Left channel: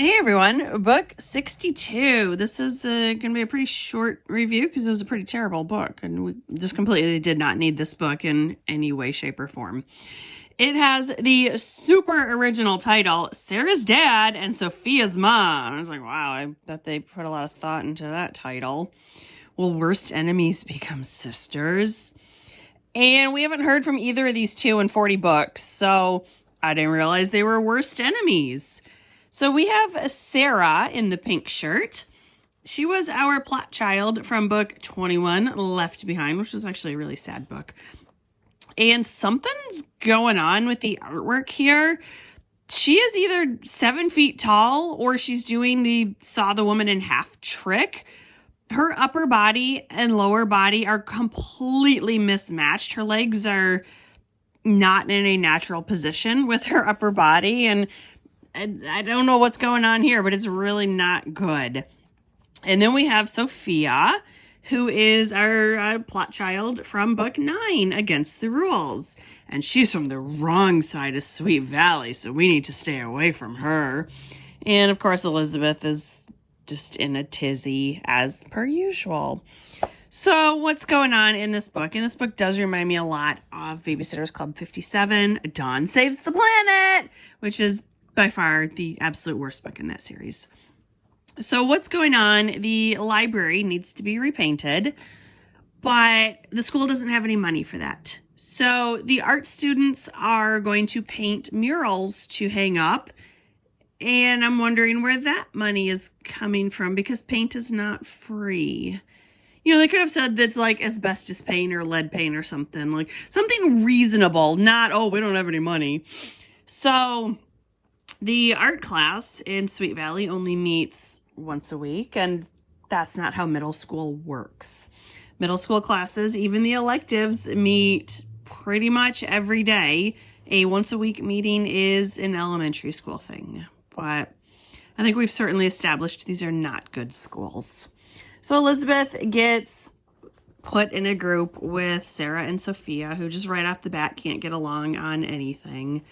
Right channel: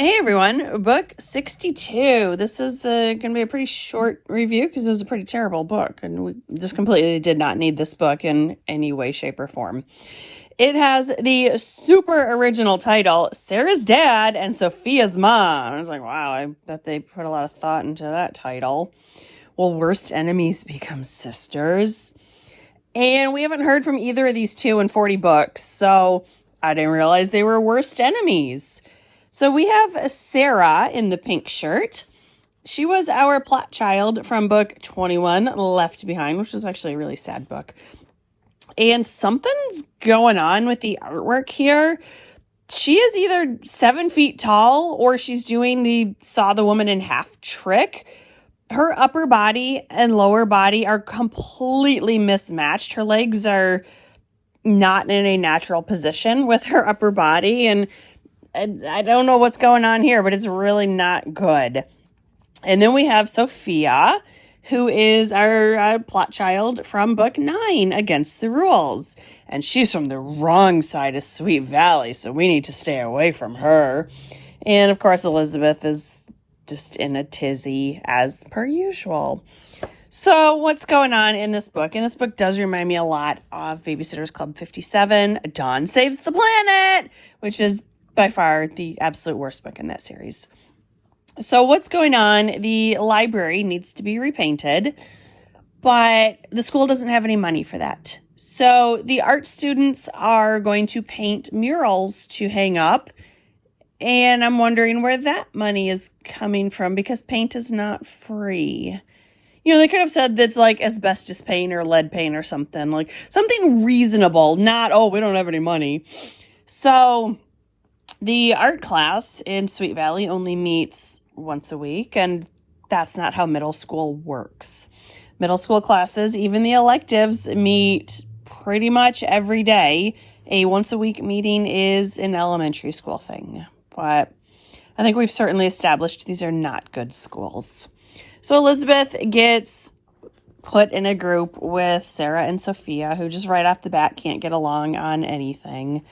Hey everyone, book 62. This is going to be a pretty short review because it was a pretty terrible book, and we just completely did not need this book in any way, shape, or form. It has the super original title, Sarah's Dad and Sophia's Mom. I was like, wow, I bet they put a lot of thought into that title. Will worst enemies become sisters? And we haven't heard from either of these two in 40 books, so I didn't realize they were worst enemies. So we have Sarah in the pink shirt. She was our plot child from book 21, Left Behind, which was actually a really sad book. And something's going on with the artwork here. She is either 7 feet tall or she's doing the saw the woman in half trick. Her upper body and lower body are completely mismatched. Her legs are not in a natural position with her upper body, and I don't know what's going on here, but it's really not good. And then we have Sophia, who is our plot child from book 9, Against the Rules. And she's from the wrong side of Sweet Valley, so we need to stay away from her. And of course, Elizabeth is just in a tizzy as per usual. So what's going on in this book? And this book does remind me a lot of Babysitter's Club 57, Dawn Saves the Planet, which is by far the absolute worst book in that series. So what's going on? The library needs to be repainted, but the school doesn't have any money for that. So the art students are going to paint murals to hang up, and I'm wondering where that money is coming from because paint is not free. You know, they could have said that's like asbestos paint or lead paint or something, like something reasonable, not, oh, we don't have any money. So the art class in Sweet Valley only meets once a week, and that's not how middle school works. Middle school classes, even the electives, meet pretty much every day. A once-a-week meeting is an elementary school thing, but I think we've certainly established these are not good schools. So Elizabeth gets put in a group with Sarah and Sophia, who just right off the bat can't get along on anything.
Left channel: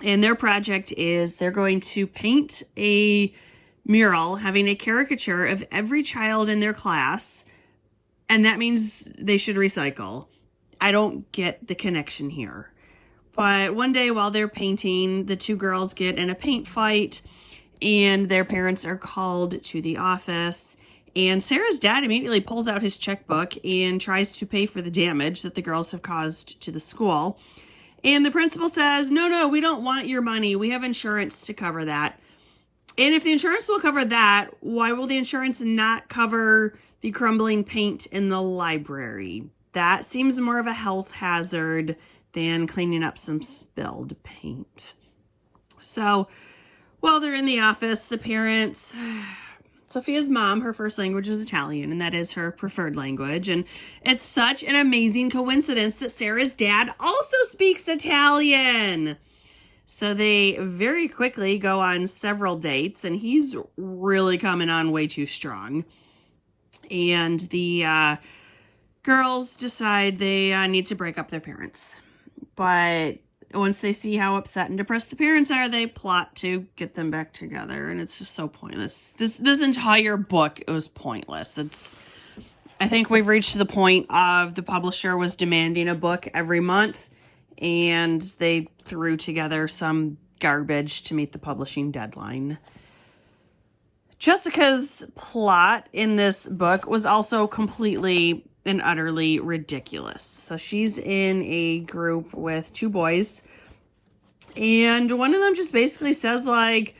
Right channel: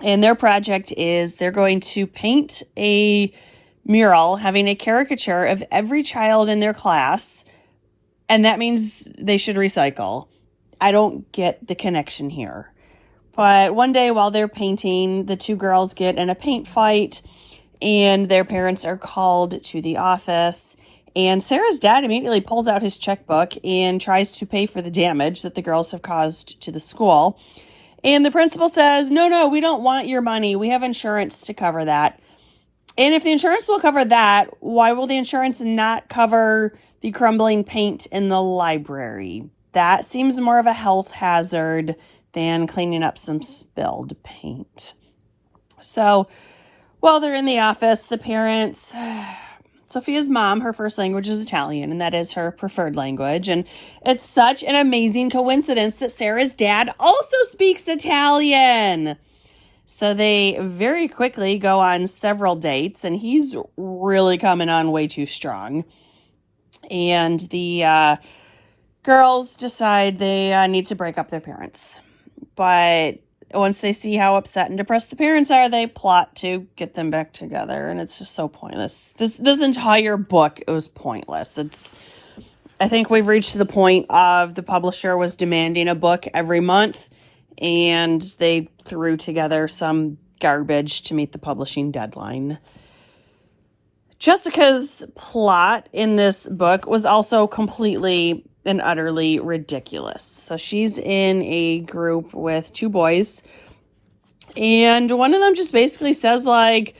And their project is they're going to paint a mural having a caricature of every child in their class, and that means they should recycle. I don't get the connection here. But one day while they're painting, the two girls get in a paint fight, and their parents are called to the office. And Sarah's dad immediately pulls out his checkbook and tries to pay for the damage that the girls have caused to the school. And the principal says, no, we don't want your money. We have insurance to cover that. And if the insurance will cover that, why will the insurance not cover the crumbling paint in the library? That seems more of a health hazard than cleaning up some spilled paint. So while they're in the office, the parents... Sophia's mom, her first language is Italian, and that is her preferred language. And it's such an amazing coincidence that Sarah's dad also speaks Italian. So they very quickly go on several dates, and he's really coming on way too strong. And the girls decide they need to break up their parents. But once they see how upset and depressed the parents are, they plot to get them back together, and it's just so pointless. This entire book was pointless. I think we've reached the point of the publisher was demanding a book every month, and they threw together some garbage to meet the publishing deadline. Jessica's plot in this book was also completely and utterly ridiculous. So she's in a group with two boys, and one of them just basically says, like,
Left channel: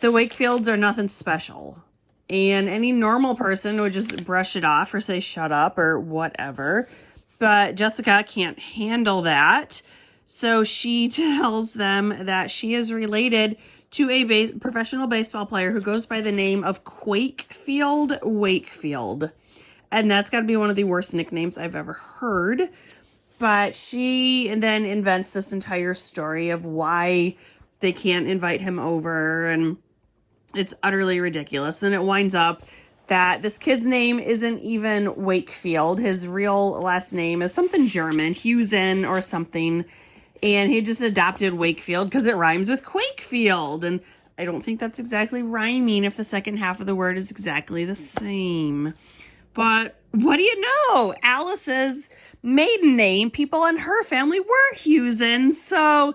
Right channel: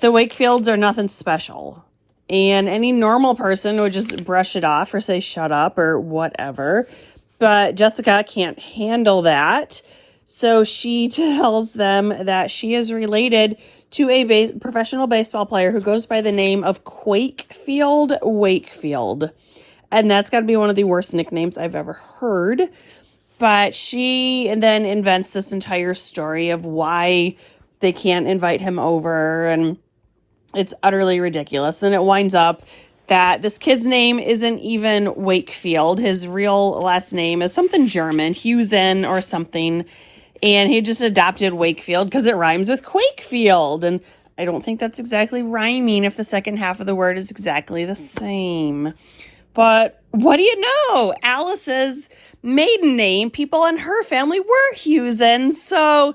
the Wakefields are nothing special. And any normal person would just brush it off or say, shut up or whatever. But Jessica can't handle that. So she tells them that she is related to a professional baseball player who goes by the name of Quakefield Wakefield. And that's got to be one of the worst nicknames I've ever heard. But she then invents this entire story of why they can't invite him over. And it's utterly ridiculous. Then it winds up that this kid's name isn't even Wakefield. His real last name is something German, Husen or something. And he just adopted Wakefield because it rhymes with Quakefield. And I don't think that's exactly rhyming if the second half of the word is exactly the same. But what do you know? Alice's maiden name, people in her family were Hughesen, so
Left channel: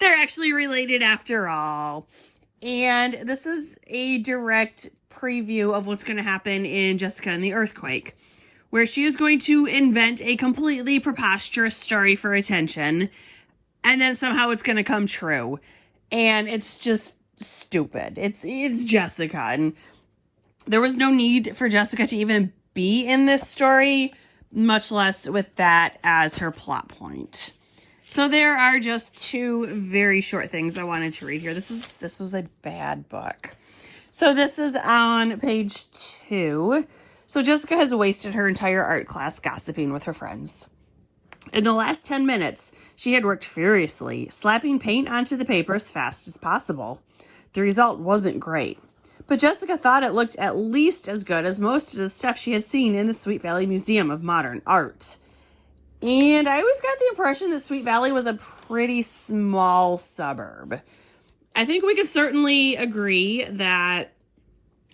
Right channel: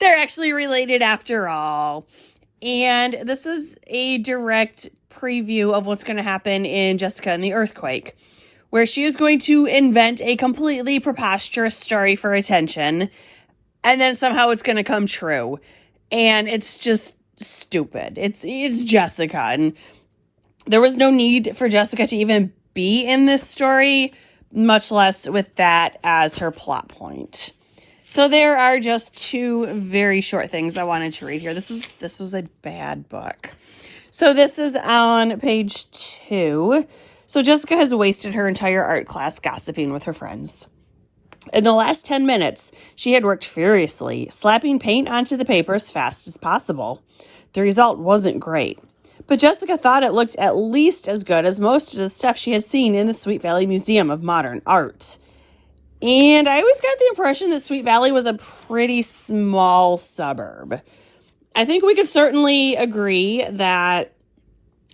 they're actually related after all. And this is a direct preview of what's going to happen in Jessica and the Earthquake, where she is going to invent a completely preposterous story for attention, and then somehow it's going to come true. And it's just stupid. It's Jessica, and there was no need for Jessica to even be in this story, much less with that as her plot point. So there are just two very short things I wanted to read here. This was a bad book. So this is on page 2. So Jessica has wasted her entire art class gossiping with her friends. In the last 10 minutes, she had worked furiously, slapping paint onto the paper as fast as possible. The result wasn't great, but Jessica thought it looked at least as good as most of the stuff she had seen in the Sweet Valley Museum of Modern Art. And I always got the impression that Sweet Valley was a pretty small suburb. I think we could certainly agree that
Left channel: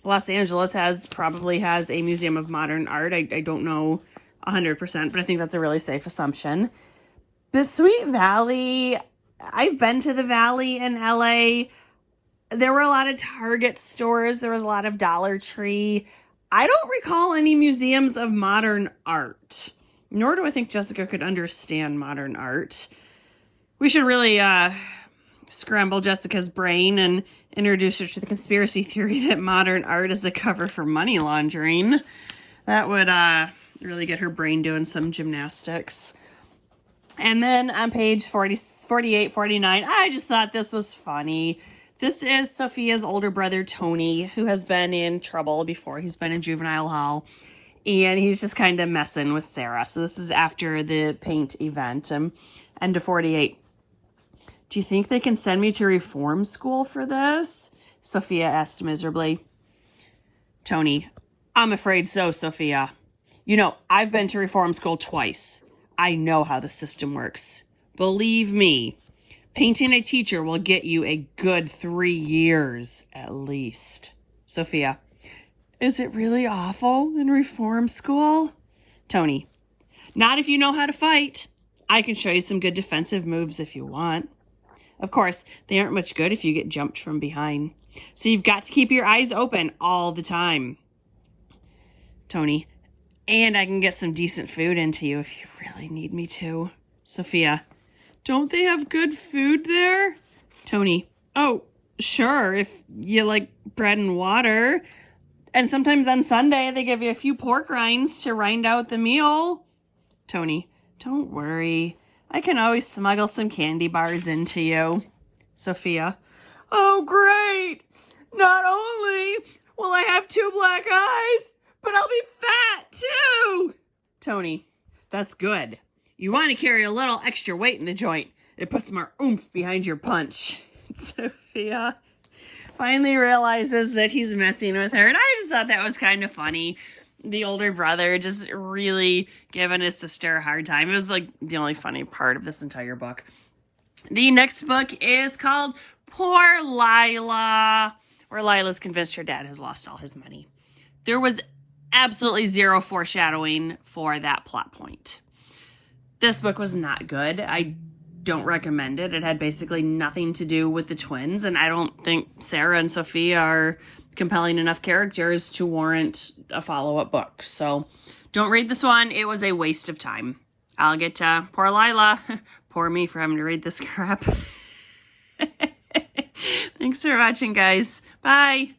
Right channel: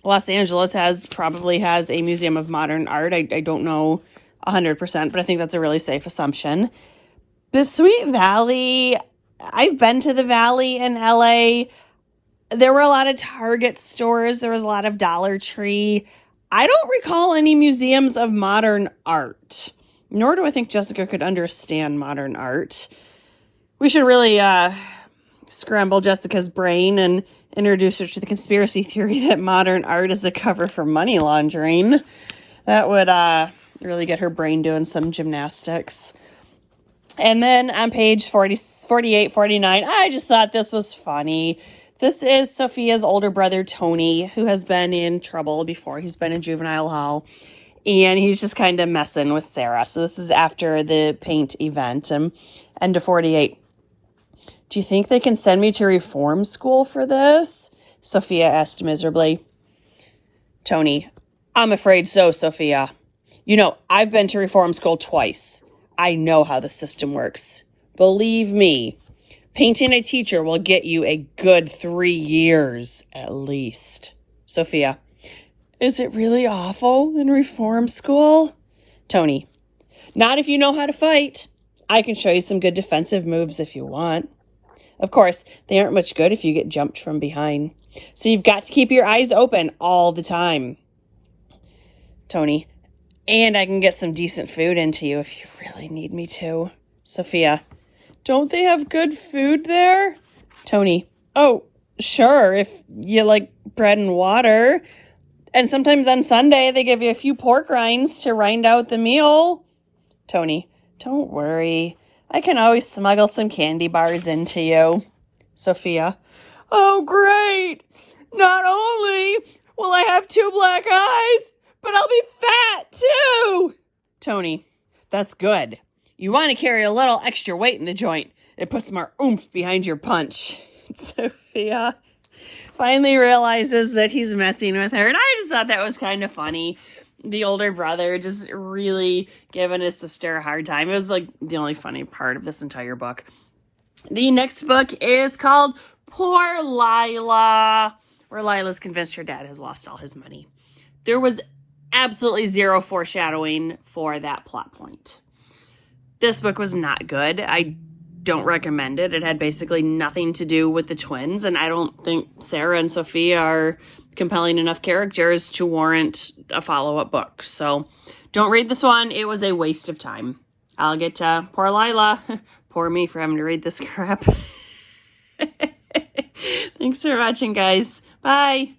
Los Angeles probably has a Museum of Modern Art. I don't know 100%, but I think that's a really safe assumption. The Sweet Valley, I've been to the Valley in LA. There were a lot of Target stores. There was a lot of Dollar Tree. I don't recall any museums of modern art, nor do I think Jessica could understand modern art. We should really scramble Jessica's brain and introduce her to the conspiracy theory that modern art is a cover for money laundering. That would really get her brain doing some gymnastics. And then on page 48, 49, I just thought this was funny. This is Sophia's older brother, Tony, who has been in trouble before. He's been in juvenile hall, and he's just kind of messing with Sarah. So this is after the paint event. End of 48. Do you think they can send me to reform school for this? Sophia asked miserably. Tony, I'm afraid so, Sophia. You know, I've been to reform school twice. I know how the system works. Believe me, painting a teacher will get you a good 3 years at least. Sophia, is it really awful in reform school? Tony, not if you know how to fight. I can show you some good defensive moves if you want. Of course, they aren't much good if you get jumped from behind. So you've got to keep your eyes open all the time. Tony, and I can get some decent food into you if you really need me to. Sophia, don't they have good food there? Tony, oh, sure, if you like bread and water. And sometimes on Sunday, they give you a few pork rinds to rind out the meal. Tony, don't worry. I can always smuggle some candy bars into you. Sophia, oh, great. Not only will I have 2 black eyes, but I'll be fat too. Tony, that's good. You want to carry a little extra weight in the joint. It puts more oomph behind your punch. Sophia finally realizes that he's messing with her. And I just thought that was kind of funny. The older brother just really giving his sister a hard time. It was like the only funny part of this entire book. The next book is called Poor Lila, where Lila's convinced her dad has lost all his money. There was absolutely zero foreshadowing for that plot point. This book was not good. I don't recommend it. It had basically nothing to do with the twins, and I don't think Sarah and Sophia are compelling enough characters to warrant a follow-up book. So don't read this one. It was a waste of time. I'll get to poor Lila. Poor me for having to read this crap. Thanks for watching, guys. Bye.